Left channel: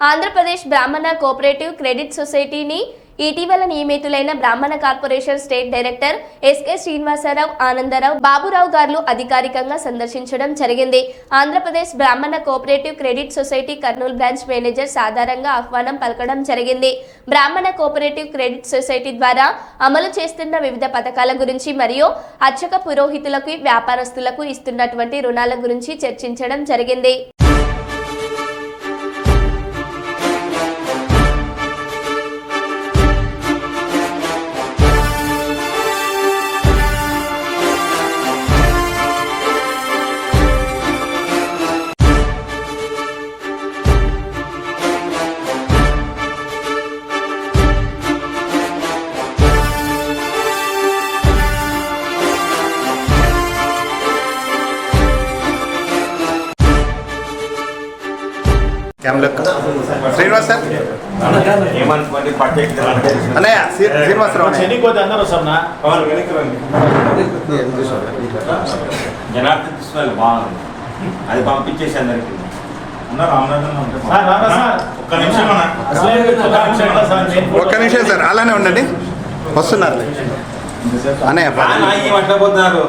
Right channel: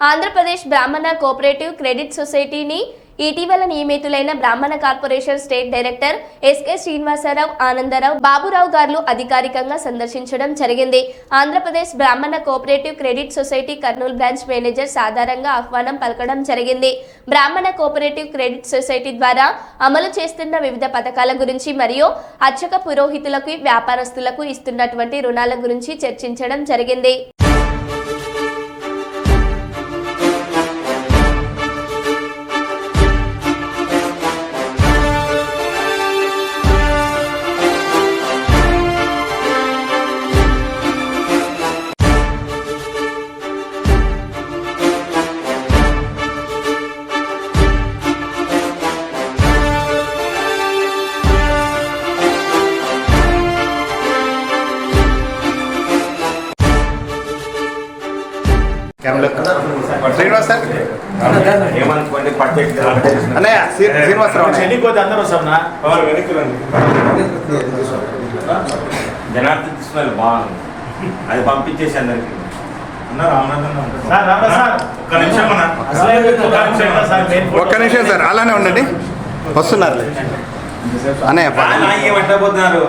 Andhra Pradesh Brahmana cooperative credit సొసైటీని ఇటీవల నియమితులైన Brahmana corporation state director SK Srinivasarao Anandarao Baburao garu అధికారికంగా సందర్శించడం జరిగింది. Andhra Pradesh Brahmana cooperative credit society Kurnool branch manager సాధారణంగా ఆహ్వానం పలకడం జరిగింది. బ్రాహ్మణ కోఆపరేటివ్ క్రెడిట్ సొసైటీ ద్వారా అమలు చేస్తున్న వివిధ పథకాల గురించి మరియు అర్చక పురోహితులకు వ్యాపారస్తులకు ఇస్తున్నటువంటి రుణాల గురించి చర్చించడం జరిగింది. క్యామ్లో శ్రీనివాస్ సార్? అన్నయ్య శ్రీ- శ్రీనివాసరావు జనార్దన్ బాగుంది. అది పంపించేసి అందరికి. ఒక్క నిమిషం సార్ అలానే ఉండండి. వస్తున్నారు అన్నయ్య రానా ఏమంటపోతున్నారు